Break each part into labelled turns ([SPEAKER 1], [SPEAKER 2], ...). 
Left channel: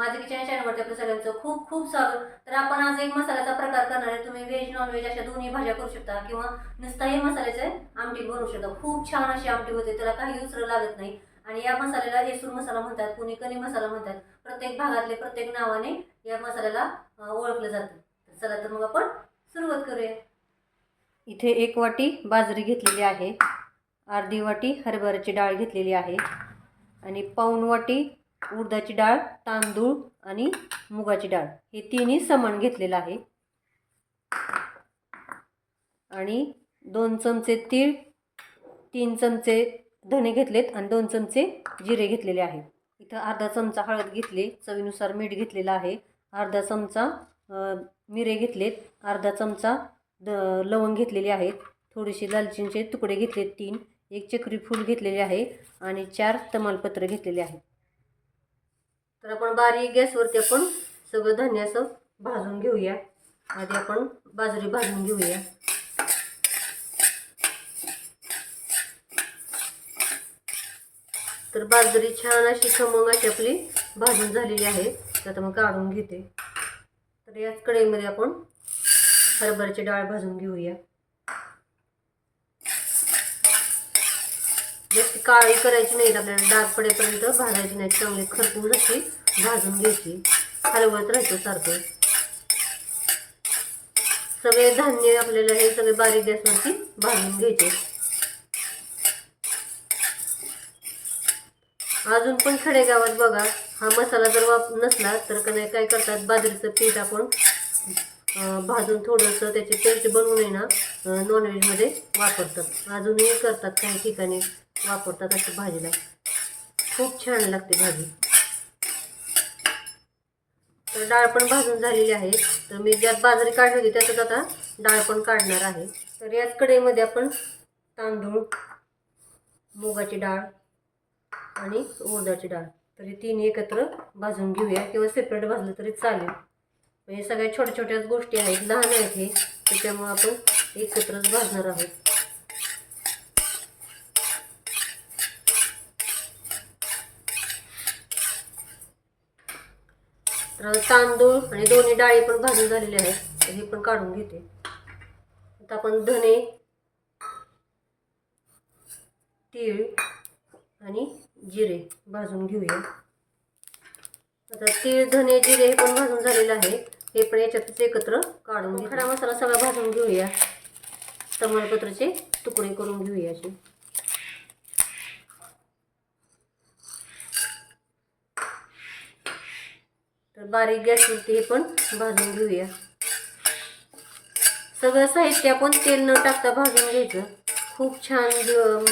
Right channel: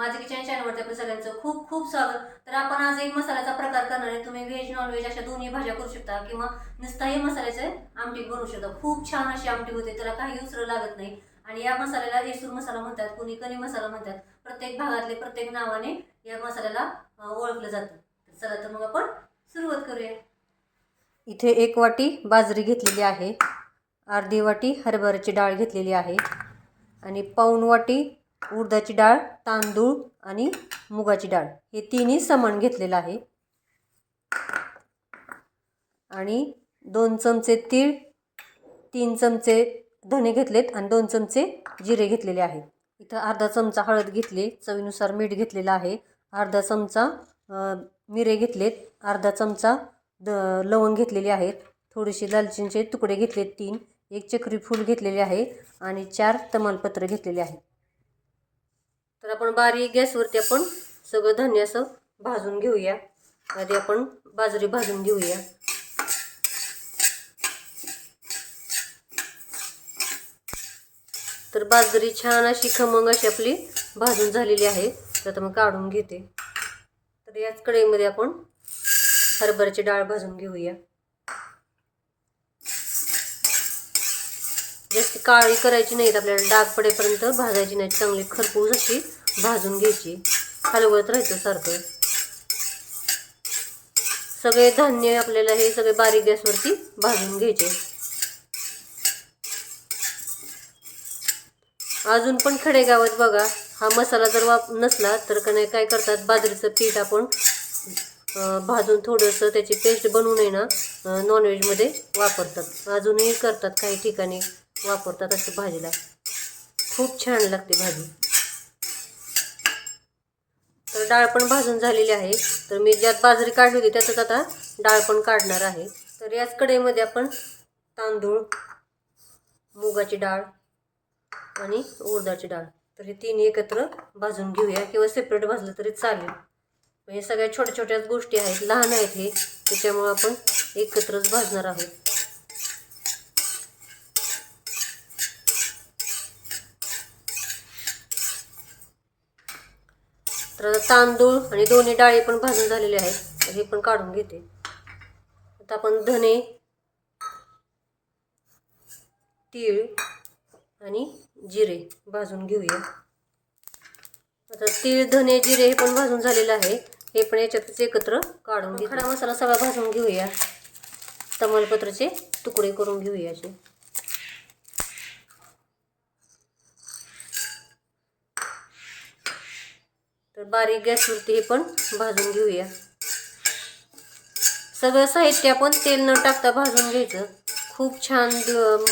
[SPEAKER 1] माझे किचन चॅनलवरती आपल्या सगळ्यांचं खूप खूप स्वागत. तर आपण आज एक मसाल्याचा प्रकार करणार आहे. तुम्ही व्हेज नॉन व्हेज अशा दोन्ही भाज्या करू शकता किंवा नुसताही मसाल्याचे आमटी बनवू शकता. खूप छान अशी आमटी होते. त्याला काही दुसरं लागत नाही. आणि या मसाल्याला येसूर मसाला म्हणतात कुणी कणी मसाला म्हणतात. प्रत्येक भागातले प्रत्येक नावाने या मसाल्याला ओळखलं जातं. चला तर मग आपण सुरुवात करूया. इथे एक वाटी बाजरी घेतलेली आहे. अर्धी वाटी हरभऱ्याची डाळ घेतलेली आहे. आणि पाऊण वाटी उडदाची डाळ तांदूळ आणि मुगाची डाळ. हे तिन्ही समान घेतलेलं आहे. आणि दोन चमचे तीळ तीन चमचे धणे घेतलेत आणि दोन चमचे जिरे घेतलेले आहेत. इथं अर्धा चमचा हळद घेतली चवीनुसार मीठ घेतलेलं आहे. अर्धा चमचा मिरे घेतलेत. अर्धा चमचा द लवंग घेतलेले आहेत. थोडीशी दालचिनीचे तुकडे घेतलेत तीन. एक चक्री फूल घेतलेले आहे. आणि चार तमालपत्र घेतलेले आहेत. तर आपण बारीक गॅसवरती आपण सगळं धान्य असं भाजून घेऊया. आधी आपण बाजरी भाजून घेऊया. तर बाजरी छान अशी खमंग अशी आपली भाजून झालेली आहे. तर आता मग काढून घेते. तर याच कढईमध्ये आपण हरभऱ्याची डाळ भाजून घेऊया. जास्त काळी करायची नाहीत आपल्याला डाग पडेपर्यंत भाजायची नाही चांगली खरपूस अशी भाजून घ्यायची. हलवत राहायचं सारखं. सगळे धान्य आपल्याला हे सगळे बारीक गॅसवरती भाजून घ्यायचे. अजून पण खेडेगावात बघा हा मसाला जर वाप नसला तर का नाही काय करतात बाजरीचं पीठ आपण भाजून थोडंसं त्याची पेस्ट बनवून आहे ना नॉनव्हेजमध्ये वापरतात. अजूनही करतात काही ठिकाणी. वापरतात अशी भाजीला खूप छान लागते भाजी. तर डाळ पण भाजून झालेली आहे. तर मी ज्यात बाजरी काढली होती त्याच्यात आता डाळ पण काढणार आहे. तर याच कढईमध्ये आपण तांदूळ मुगाची डाळ आणि उडदाची डाळ. तर हे तिन्ही एकत्र भाजून घेऊया. किंवा सेपरेट भाजलं तरी चालेल. म्हणजे सगळ्या छोट्या छोट्याच गोष्टी आहेत लहान आहेत हे. त्याच्यामुळं आपण एकत्रच भाजणार आहोत. तर तांदूळ आणि दोन्ही डाळी पण भाजून झालेले आहेत हे पण काढून घेते. आता आपण धने तीळ आणि जिरे भाजून घेऊया. आता तीळ धने जिरे हे पण भाजून झालेलं आहे. हे पण याच्यातच एकत्र काढून घेऊ खडा मसाला सगळा भाजून घेऊया. तमालपत्राचे तुकडे करून घेऊया असे तर बारीक गॅसवरती हे पण भाजून घेऊया. सगळं साहित्य आपण तेल न टाकता भाजून घ्यायचं. खूप छान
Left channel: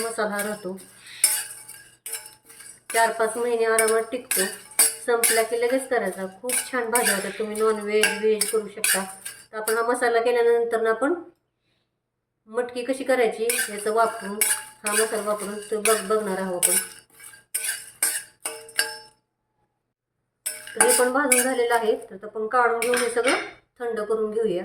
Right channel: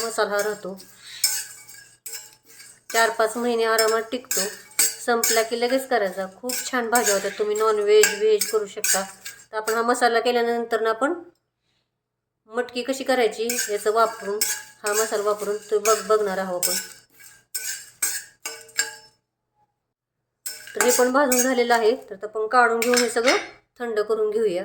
[SPEAKER 1] मसाला राहतो. चार पाच महिने आरामात टिकतो. संपला की लगेच करायचा. खूप छान भाज्या होतात तुम्ही नॉन व्हेज व्हेज करू शकता. तर आपण हा मसाला केल्यानंतर ना आपण मटकी कशी करायची याचं वापरून हा मसाला वापरून तो बघ बघणार आहोत आपण. तर हे पण भाजून झालेलं आहे. तर आपण काढून घेऊन हे सगळं थंड करून घेऊया.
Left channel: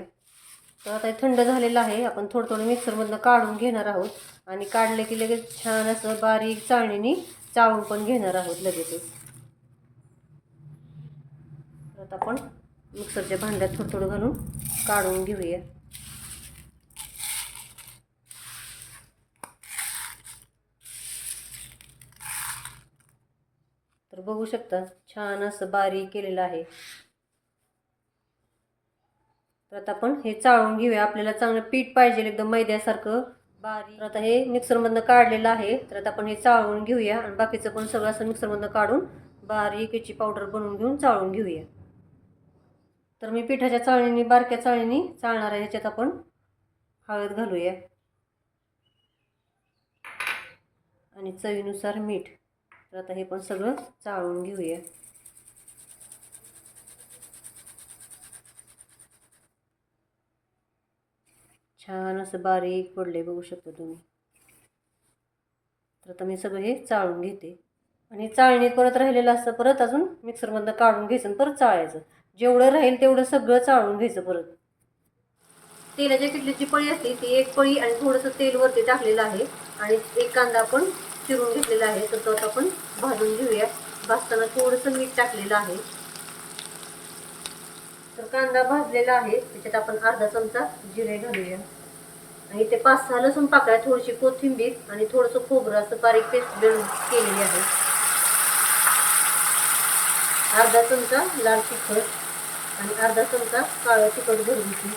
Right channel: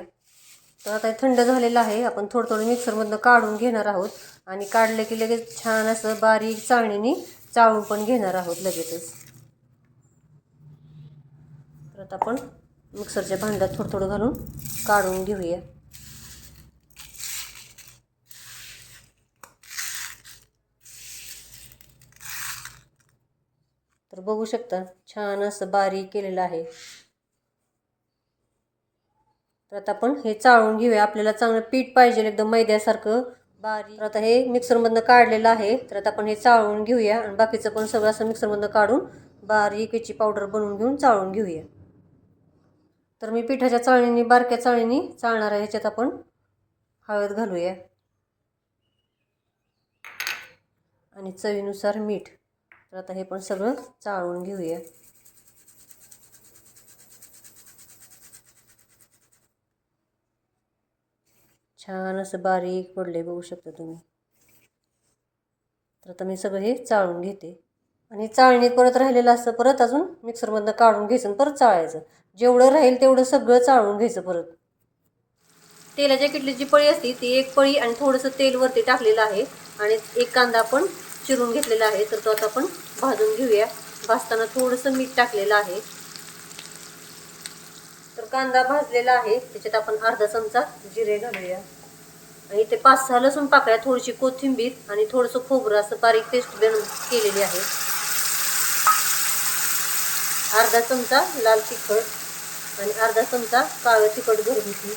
[SPEAKER 1] तर आता हे थंड झालेलं आहे. आपण थोडं थोडं मिक्सरमधनं काढून घेणार आहोत. आणि काढलं की लगेच छान असं बारीक चाळणीने चाळून पण घेणार आहोत लगेचच. तर आता आपण मिक्सरच्या भांड्यात थोडं थोडं घालून काढून घेऊया. बघू शकता. छान असं बारीक केलेलं आहे. तर आता आपण हे चाळून घेऊया. आपल्याला चांगलं पीठ पाहिजे एकदम मैद्यासारखं. बारीक. तर आता हे मिक्सरमधनं काढलेलं आहे. तर आता आपण हे चाळून घेऊया आणि बाकीचं पण सगळं असं मिक्सरमधनं काढून बारीक याची पावडर बनवून घेऊन चाळून घेऊया. तर मी पिठाच्या चाळणीने बारक्या चाळणीने चाळणार आहे. ह्याच्यात आपण हळद घालूया. आणि चवीनुसार मीठ. तर आता हे पण सगळं चाळून घेऊया. छान असं बारीक पडले बघू शकता तुम्ही. तर आता मी सगळं हे चाळून घेते. आणि चाळणी परत राहिलेलं असतं परत अजून मिक्सरमधनं काढून घ्यायचं आणि परत चाळायचं. जेवढं राहील तेवढं सगळं चाळून घ्यायचं परत. तेलाच्या किटलीची पळी असते ती एक पळी आणि थोडंसं तेल वरती टाकलेलं आहे. आणि एक कांदा आपण चिरून घेतलेला आहे. तर तो आता आपण भाजून घेऊया. भाजताना थोडंसं मीठ टाकलेलं आहे. तर कांदा भाजलेला आहे. त्याच्यात आपण अर्धा चमचा जिरे घालूया. आणि ते पाच सहा लसूण पाकळ्या थोडीशी कोथिंबीर आणि थोडंसं खोबरं असं बारीक पेस्ट केलेली आहे. अर्धा चमचा लाल तिखट आणि अर्धा चमचा काळं तिखट घरगुती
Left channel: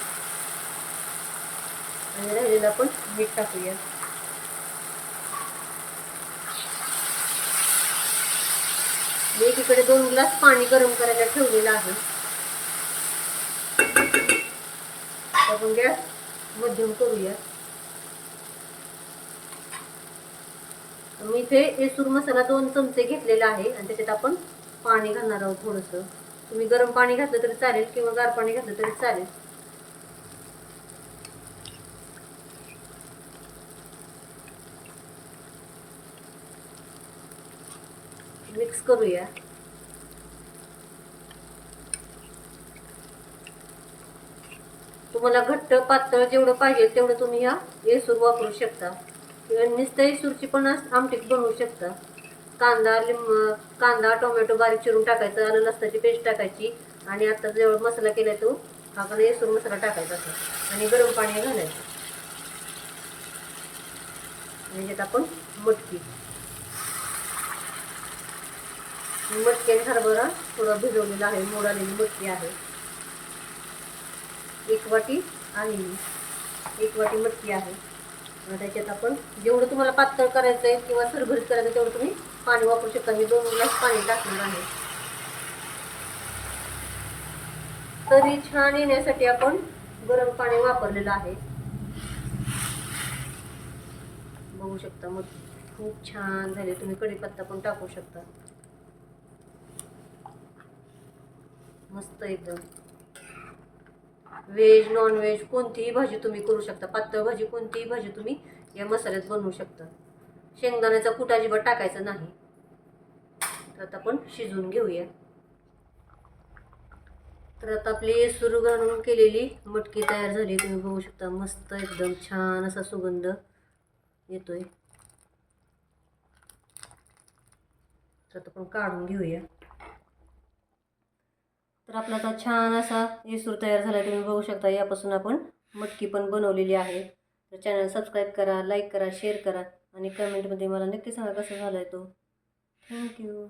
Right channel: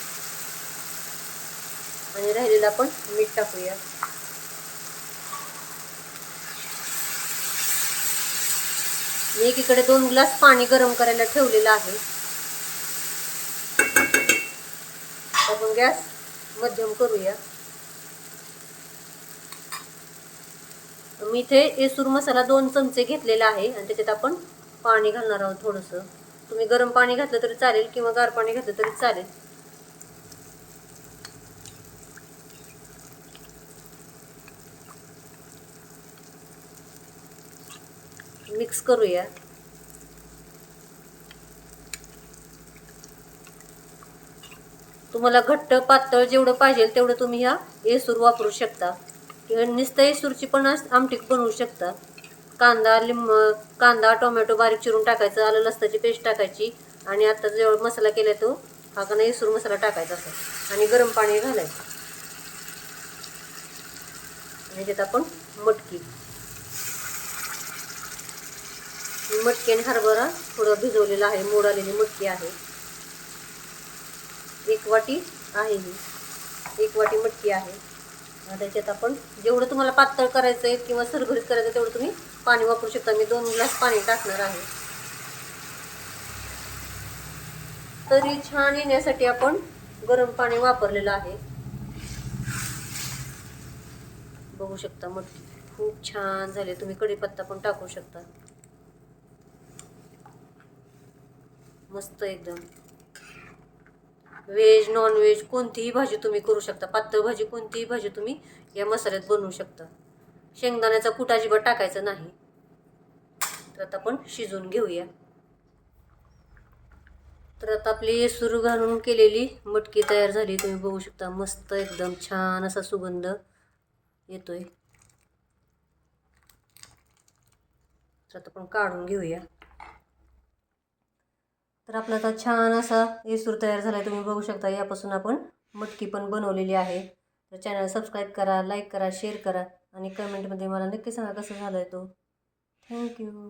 [SPEAKER 1] आणि राहिलेलं आपण मीठ टाकूया. मी एकीकडे दोन ग्लास पाणी गरम करायला ठेवलेलं आहे. आपण गॅस मध्यम करूया. मी इथे येसूर मसाला दोन चमचे घेतलेला आहे आणि त्याच्यात आपण पाणी घालणार आहोत थोडंसं. तुम्ही गरम पाणी घातलं तरी चालेल किंवा गार पाणी घातलं तरी चालेल. मिक्स करूया. तुम्हाला घट्ट पातळ जेवढं पाहिजे तेवढं तुम्ही ह्या येसूर वापरू शकता. किंवा नुसतं येसूरची पण आमटीक आमटी बनवू शकता. कांदा लिंब कांदा टोमॅटो बारीक चिरून टाकायचं आलं लसणाची पेस्ट टाकायची आणि आता जेवढा मसाला केला तो हा का नाही येसूर मसाला टाकायचा असा. आणि गरम पाणी घालायचं. म्हणजे आपण मटकी. मटकेन हरभरा थोडं भिजवलेला आहे. मोडालेली मटकी आहे. एक वाटी आहे एक वाटी मटकी आहे. त्याच्यात आपण जेवढं तुम्हाला पातळ करायचं आहे किंवा सरभरीत करायचं तेवढं तुम्ही पाणी वापरू शकता. मी दोन ग्लास पाणी टाकणार आहे. तरी छान येण्यासाठी आपण गरम पाणी वापरलेलं आहे. बघू शकता मग खूप छान झाले. तुम्ही कढीपत्ता पण टाकू शकता. मस्त एकदम. व्हेज नॉनव्हेज कोणतीही भाजी तुम्ही करू शकता. पातळ भाजी कोणतीही भाजी तुम्ही या मसाल्यात बनवू शकता. शेंगदाण्याचा कुटाजिबा टाकायचा नाही. तर आता आपण शिजवून घेऊया. तर आता आपली सुरू घालून केलेली मटकी तयार झाली. तुम्ही बघू शकता मस्त एकदम छान असा सुगंध येतोय. तर आता आपण काढून घेऊया. तर आपला आता छान असा येसूर तयार झाला आहे तुम्ही बघू शकता. यापासून आपण मटकी पण बनवलेली आहे. तर चॅनल सबस्क्राईब करा लाईक करा शेअर करा आणि कमेंटमध्ये मला नक्की सांगा कसं झालं आहे तो थँक्यू